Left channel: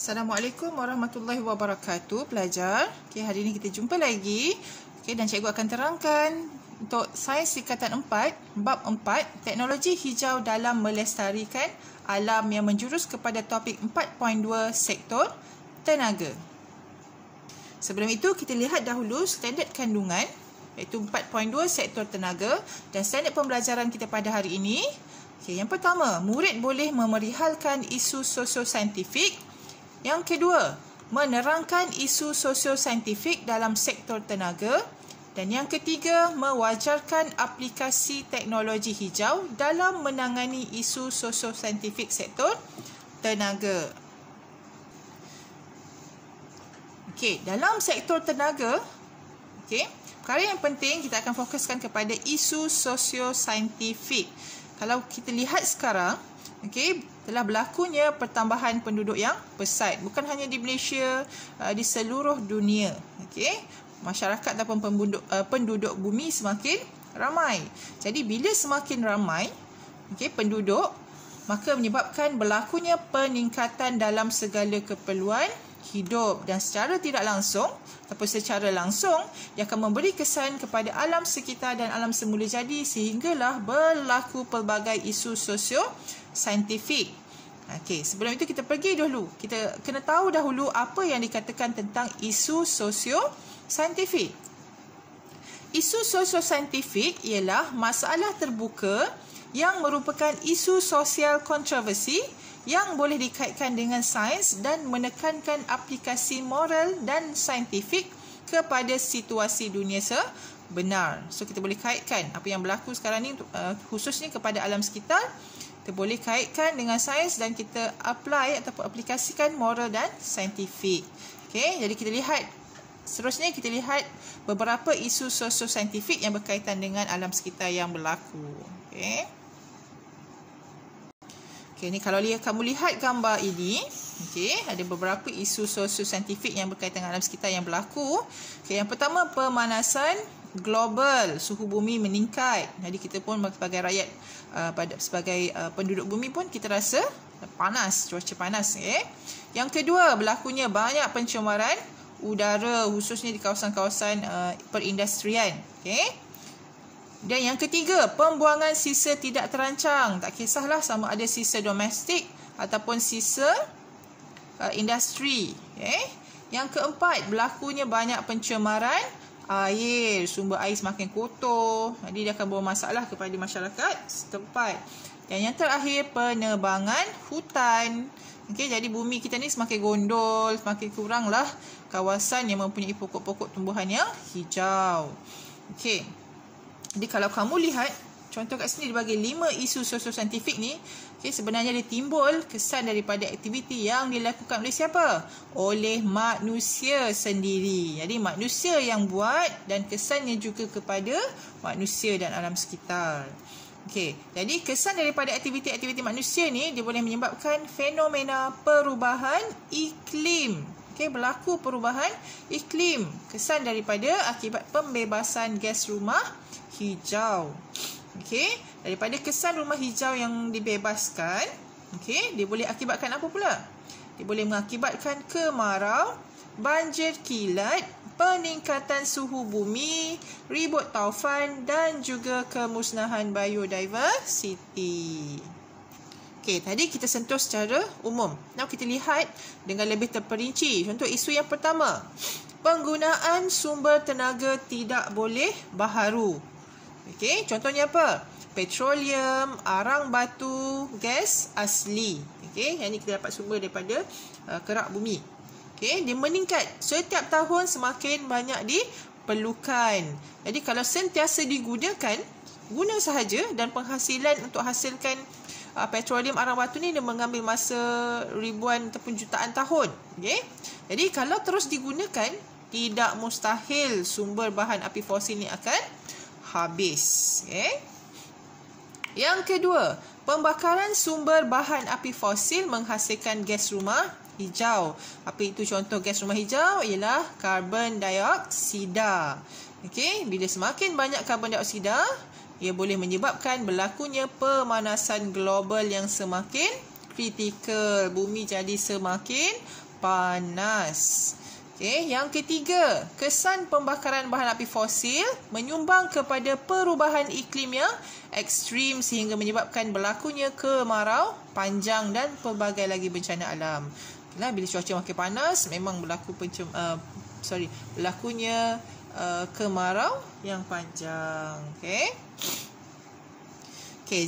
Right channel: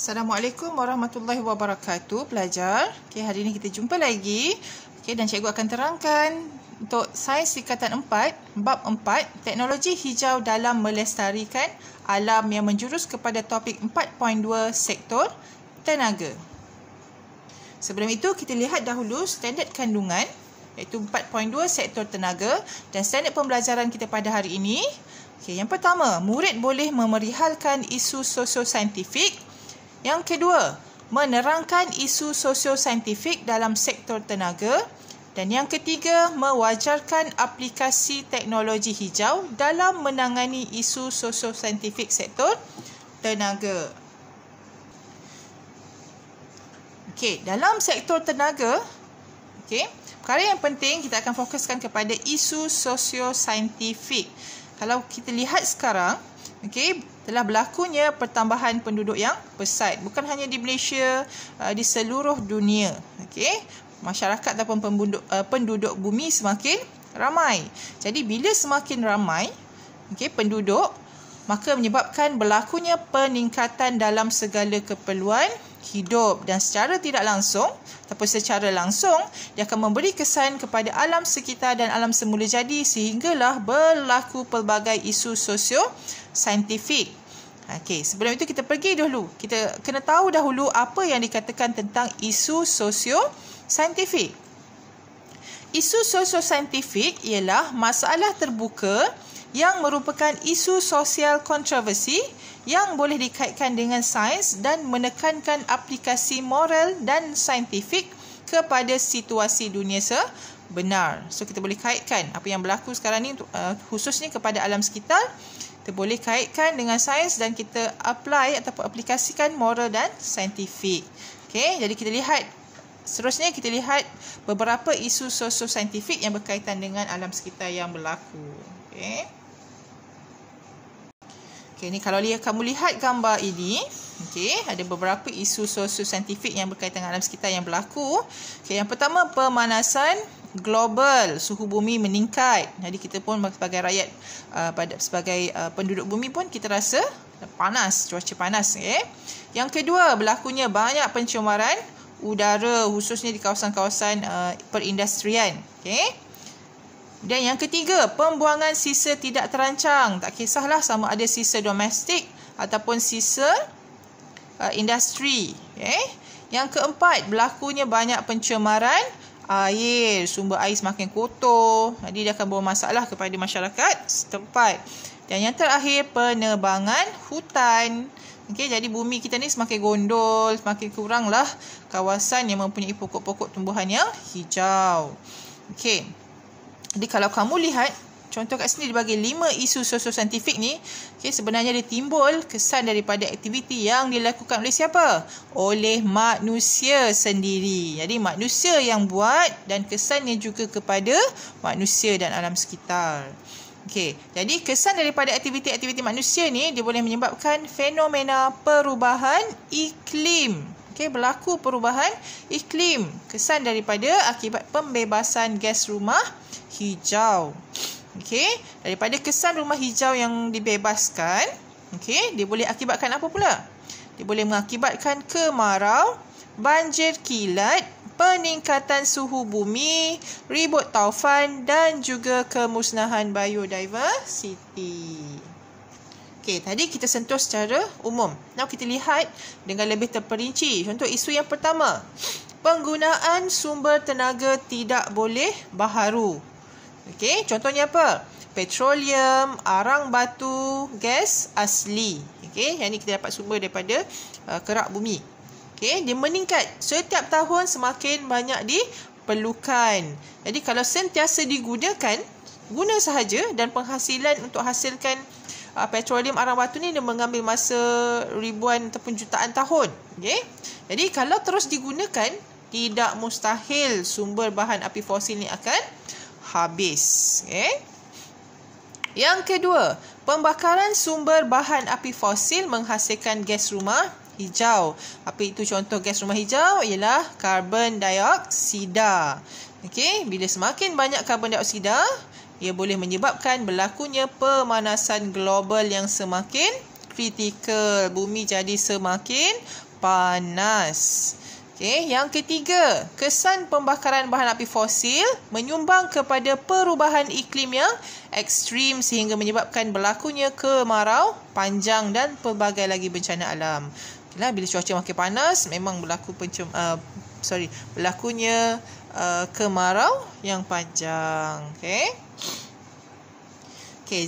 Assalamualaikum warahmatullahi wabarakatuh, pelajar. Okey, hari ini kita jumpa lagi. Okey, dan cikgu akan terangkan untuk sains tingkatan 4, bab 4, teknologi hijau dalam melestarikan alam yang menjurus kepada topik 4.2 sektor tenaga. Sebelum itu, kita lihat dahulu standard kandungan iaitu 4.2 sektor tenaga dan standard pembelajaran kita pada hari ini. Okey, yang pertama, murid boleh memerihalkan isu sosio-saintifik. Yang kedua, menerangkan isu sosio-saintifik dalam sektor tenaga. Dan yang ketiga, mewajarkan aplikasi teknologi hijau dalam menangani isu sosio-saintifik sektor tenaga. Okey, dalam sektor tenaga, okey, perkara yang penting kita akan fokuskan kepada isu sosio-saintifik. Kalau kita lihat sekarang, okey, telah berlakunya pertambahan penduduk yang pesat. Bukan hanya di Malaysia, di seluruh dunia. Okey, masyarakat ataupun penduduk bumi semakin ramai. Jadi bila semakin ramai, okey, penduduk, maka menyebabkan berlakunya peningkatan dalam segala keperluan hidup, dan secara tidak langsung ataupun secara langsung dia akan memberi kesan kepada alam sekitar dan alam semula jadi, sehinggalah berlaku pelbagai isu sosio-saintifik. Okey, sebelum itu kita pergi dulu. Kita kena tahu dahulu apa yang dikatakan tentang isu sosio-saintifik. Isu sosio-saintifik ialah masalah terbuka yang merupakan isu sosial kontroversi yang boleh dikaitkan dengan sains dan menekankan aplikasi moral dan saintifik kepada situasi dunia sebenar. So, kita boleh kaitkan apa yang berlaku sekarang ni khususnya kepada alam sekitar. Kita boleh kaitkan dengan sains dan kita apply ataupun aplikasikan moral dan saintifik. Okey, jadi kita lihat seterusnya, kita lihat beberapa isu sosio-saintifik yang berkaitan dengan alam sekitar yang berlaku. Okey. Okey, ni kalau kamu lihat gambar ini, okey, ada beberapa isu sosio-saintifik yang berkaitan dengan alam sekitar yang berlaku. Okey, yang pertama, pemanasan global, suhu bumi meningkat. Jadi kita pun sebagai rakyat, sebagai penduduk bumi pun kita rasa panas, cuaca panas. Okay? Yang kedua, berlakunya banyak pencemaran udara khususnya di kawasan-kawasan perindustrian. Okay? Dan yang ketiga, pembuangan sisa tidak terancang. Tak kisahlah sama ada sisa domestik ataupun sisa industri. Okay? Yang keempat, berlakunya banyak pencemaran air, sumber air semakin kotor. Jadi dia akan bawa masalah kepada masyarakat setempat. Dan yang terakhir, penebangan hutan. Okey, jadi bumi kita ni semakin gondol, semakin kuranglah kawasan yang mempunyai pokok-pokok tumbuhan yang hijau. Okey. Jadi kalau kamu lihat contoh kat sini dibagi 5 isu sosio-saintifik ni, okay, sebenarnya dia timbul kesan daripada aktiviti yang dilakukan oleh siapa? Oleh manusia sendiri. Jadi manusia yang buat dan kesannya juga kepada manusia dan alam sekitar. Okey, jadi kesan daripada aktiviti-aktiviti manusia ni dia boleh menyebabkan fenomena perubahan iklim. Okey, berlaku perubahan iklim. Kesan daripada akibat pembebasan gas rumah hijau. Okey, daripada kesan rumah hijau yang dibebaskan, okey, dia boleh akibatkan apa pula? Dia boleh mengakibatkan kemarau, banjir kilat, peningkatan suhu bumi, ribut taufan dan juga kemusnahan biodiversity. Okey, tadi kita sentuh secara umum. Now kita lihat dengan lebih terperinci. Contoh isu yang pertama, penggunaan sumber tenaga tidak boleh baharu. Okey, contohnya apa? Petroleum, arang batu, gas asli. Okey, yang ni kita dapat sumber daripada kerak bumi. Okey, dia meningkat. Setiap tahun semakin banyak diperlukan. Jadi kalau sentiasa digunakan, guna sahaja, dan penghasilan untuk hasilkan petroleum, arang batu ni dia mengambil masa ribuan ataupun jutaan tahun. Okey. Jadi kalau terus digunakan, tidak mustahil sumber bahan api fosil ni akan habis. Okay. Yang kedua, pembakaran sumber bahan api fosil menghasilkan gas rumah hijau. Apa itu contoh gas rumah hijau? Ialah karbon dioksida. Okey, bila semakin banyak karbon dioksida, ia boleh menyebabkan berlakunya pemanasan global yang semakin kritikal. Bumi jadi semakin panas. Okey, yang ketiga, kesan pembakaran bahan api fosil menyumbang kepada perubahan iklim yang ekstrim sehingga menyebabkan berlakunya kemarau panjang dan pelbagai lagi bencana alam. Bila cuaca makin panas, memang berlakunya kemarau yang panjang. Okey,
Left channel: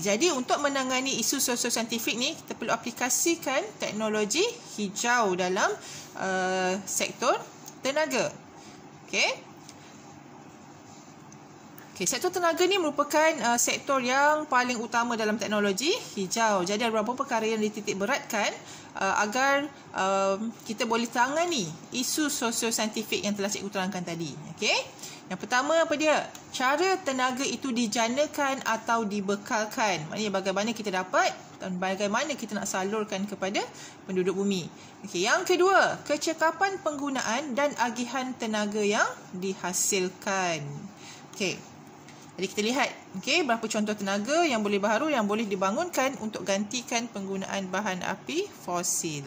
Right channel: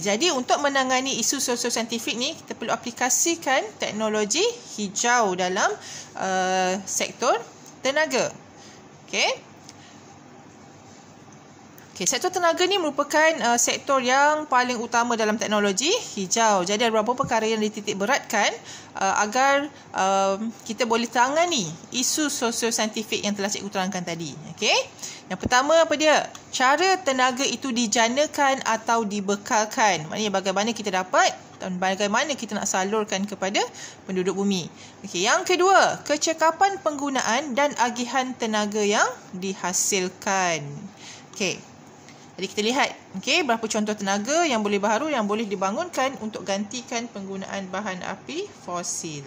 jadi untuk menangani isu sosio-saintifik ni, kita perlu aplikasikan teknologi hijau dalam sektor tenaga. Okey, sektor tenaga ni merupakan sektor yang paling utama dalam teknologi hijau. Jadi ada beberapa perkara yang dititik beratkan agar kita boleh tangani isu sosio-saintifik yang telah cikgu terangkan tadi. Okey. Yang pertama apa dia? Cara tenaga itu dijanakan atau dibekalkan. Maknanya bagaimana kita dapat dan bagaimana kita nak salurkan kepada penduduk bumi. Okey, yang kedua, kecekapan penggunaan dan agihan tenaga yang dihasilkan. Okey. Jadi kita lihat, berapa contoh tenaga yang boleh baharu yang boleh dibangunkan untuk gantikan penggunaan bahan api fosil.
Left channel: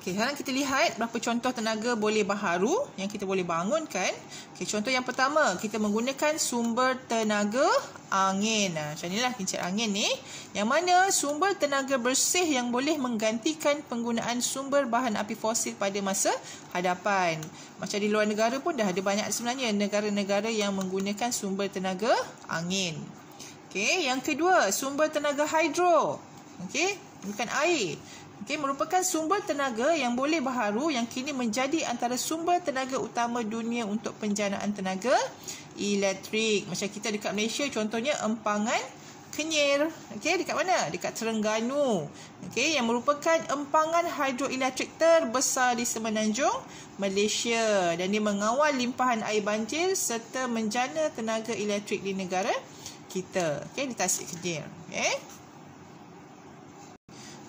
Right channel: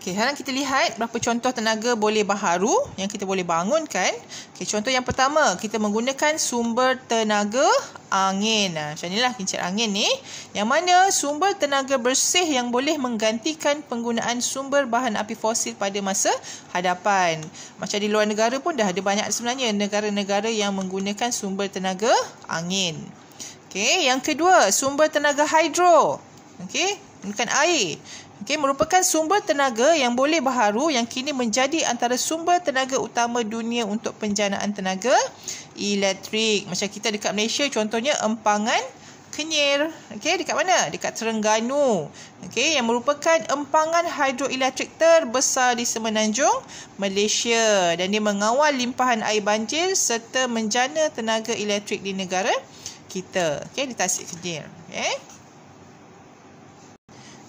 Okey, sekarang kita lihat berapa contoh tenaga boleh baharu yang kita boleh bangunkan. Okey, contoh yang pertama, kita menggunakan sumber tenaga angin. Macam inilah kincir angin ni. Yang mana sumber tenaga bersih yang boleh menggantikan penggunaan sumber bahan api fosil pada masa hadapan. Macam di luar negara pun dah ada banyak sebenarnya negara-negara yang menggunakan sumber tenaga angin. Okey, yang kedua, sumber tenaga hidro. Okey, bukan air. Merupakan sumber tenaga yang boleh baharu yang kini menjadi antara sumber tenaga utama dunia untuk penjanaan tenaga elektrik. Macam kita dekat Malaysia contohnya Empangan Kenyir. Dekat mana? Dekat Terengganu. Yang merupakan empangan hidroelektrik terbesar di Semenanjung Malaysia dan dia mengawal limpahan air banjir serta menjana tenaga elektrik di negara kita. Di Tasik Kenyir.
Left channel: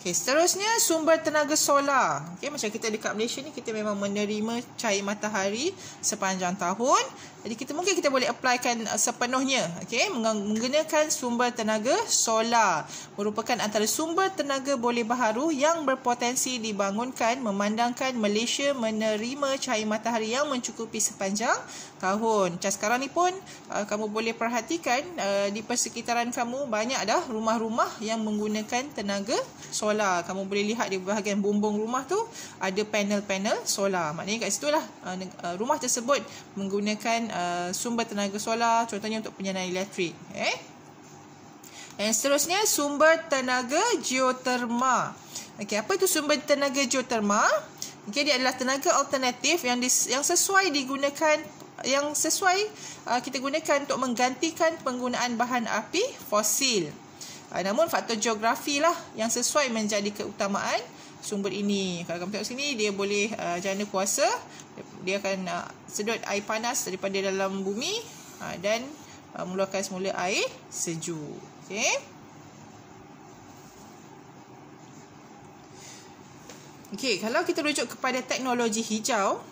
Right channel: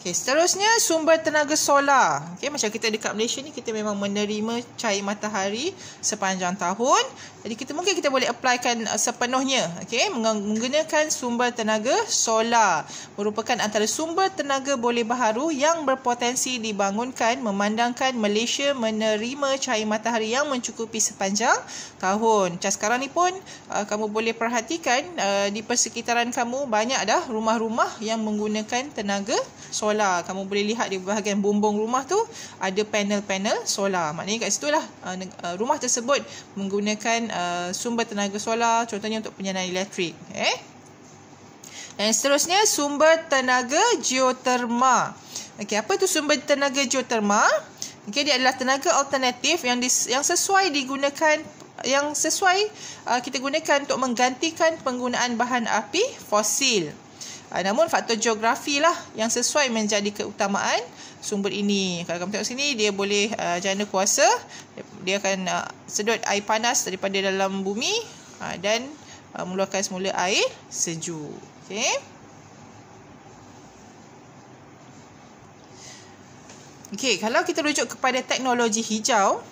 Seterusnya sumber tenaga solar. Macam kita dekat Malaysia ni kita memang menerima cahaya matahari sepanjang tahun. Jadi mungkin kita boleh applykan sepenuhnya. Menggunakan sumber tenaga solar. Merupakan antara sumber tenaga boleh baharu yang berpotensi dibangunkan memandangkan Malaysia menerima cahaya matahari yang mencukupi sepanjang tahun. Macam sekarang ni pun kamu boleh perhatikan di persekitaran kamu banyak dah rumah-rumah yang menggunakan tenaga solar. Kamu boleh lihat di bahagian bumbung rumah tu ada panel-panel solar. Maknanya kat situlah rumah tersebut menggunakan sumber tenaga solar, contohnya untuk penyanaan elektrik. Dan seterusnya sumber tenaga geoterma. Apa itu sumber tenaga geoterma? Dia adalah tenaga alternatif yang sesuai digunakan, kita gunakan untuk menggantikan penggunaan bahan api fosil. Namun faktor geografi lah yang sesuai menjadi keutamaan sumber ini. Kalau kamu tengok sini, dia boleh jana kuasa. Dia akan sedut air panas daripada dalam bumi dan mengeluarkan semula air sejuk. Kalau kita rujuk kepada teknologi hijau,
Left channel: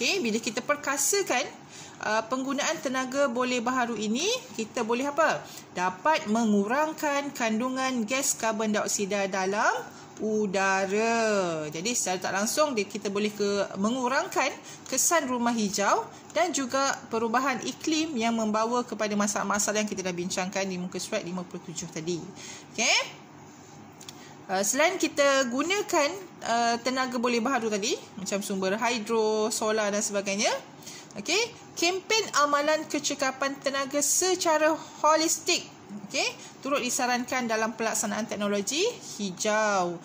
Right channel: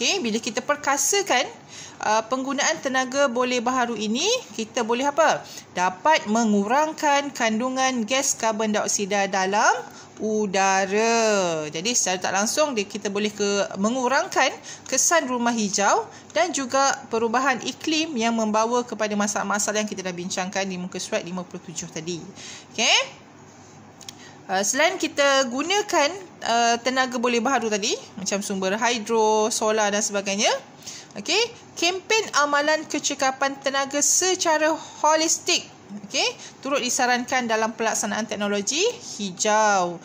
bila kita perkasakan penggunaan tenaga boleh baharu ini, kita boleh apa? Dapat mengurangkan kandungan gas karbon dioksida dalam udara. Jadi secara tak langsung kita boleh mengurangkan kesan rumah hijau dan juga perubahan iklim yang membawa kepada masalah-masalah yang kita dah bincangkan di muka surat 57 tadi. Selain kita gunakan tenaga boleh baharu tadi, macam sumber hidro, solar dan sebagainya, kempen amalan kecekapan tenaga secara holistik turut disarankan dalam pelaksanaan teknologi hijau.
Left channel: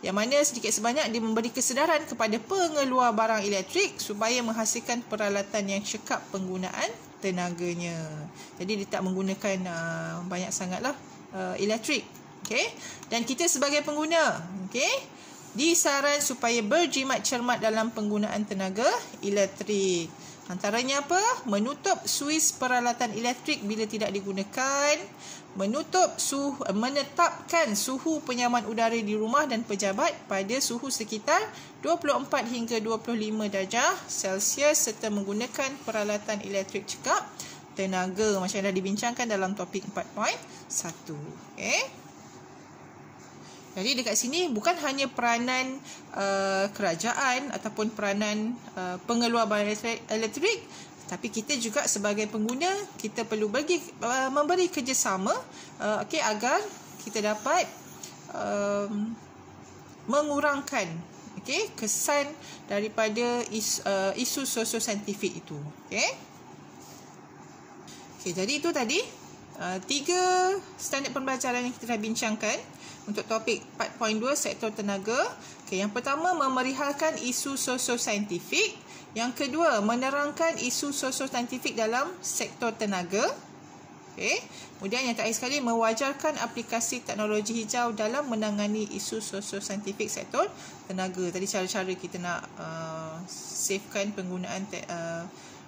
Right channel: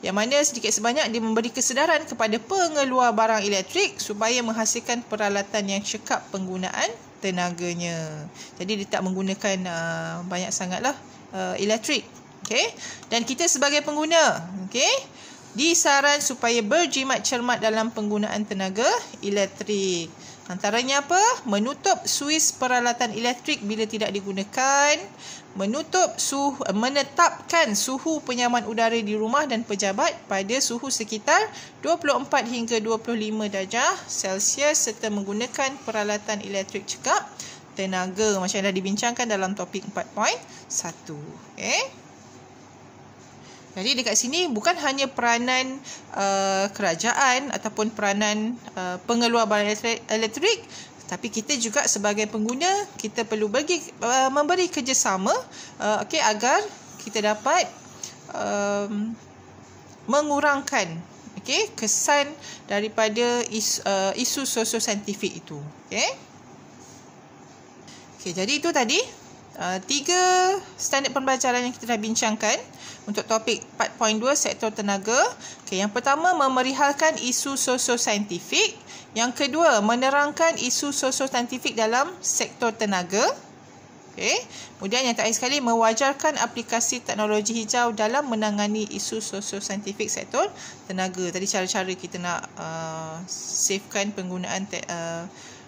Yang mana sedikit sebanyak dia memberi kesedaran kepada pengeluar barang elektrik supaya menghasilkan peralatan yang cekap penggunaan tenaganya. Jadi dia tak menggunakan banyak sangatlah elektrik. Dan kita sebagai pengguna, disaran supaya berjimat cermat dalam penggunaan tenaga elektrik. Antaranya apa? Menutup suis peralatan elektrik bila tidak digunakan, menetapkan suhu penyaman udara di rumah dan pejabat pada suhu sekitar 24 hingga 25 darjah Celsius serta menggunakan peralatan elektrik cekap tenaga macam yang dah dibincangkan dalam topik 4.1. Jadi dekat sini bukan hanya peranan kerajaan ataupun peranan pengeluar barang elektrik, tapi kita juga sebagai pengguna kita perlu memberi kerjasama agar kita dapat mengurangkan kesan daripada isu sosiosaintifik itu. Jadi itu tadi 3 standard pembelajaran yang kita dah bincangkan untuk topik 4.2 sektor tenaga. Yang pertama, memerihalkan isu sosiosaintifik. Yang kedua, menerangkan isu sosiosaintifik dalam sektor tenaga. Kemudian yang terakhir sekali, mewajarkan aplikasi teknologi hijau dalam menangani isu sosiosaintifik sektor tenaga. Tadi cara-cara kita nak savekan penggunaan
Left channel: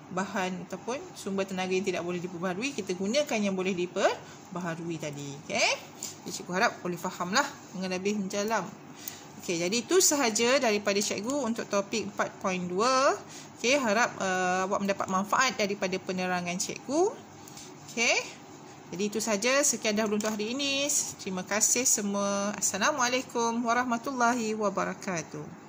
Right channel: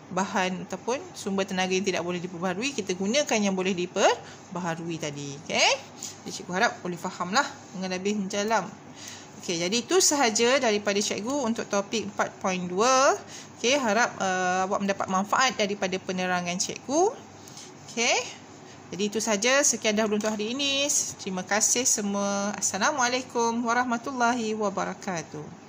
bahan ataupun sumber tenaga yang tidak boleh diperbaharui, kita gunakan yang boleh diperbaharui tadi. Jadi cikgu harap boleh fahamlah dengan lebih mendalam. Jadi itu sahaja daripada cikgu untuk topik 4.2. Harap awak mendapat manfaat daripada penerangan cikgu. Jadi itu sahaja, sekian dahulu untuk hari ini. Terima kasih semua. Assalamualaikum warahmatullahi wabarakatuh.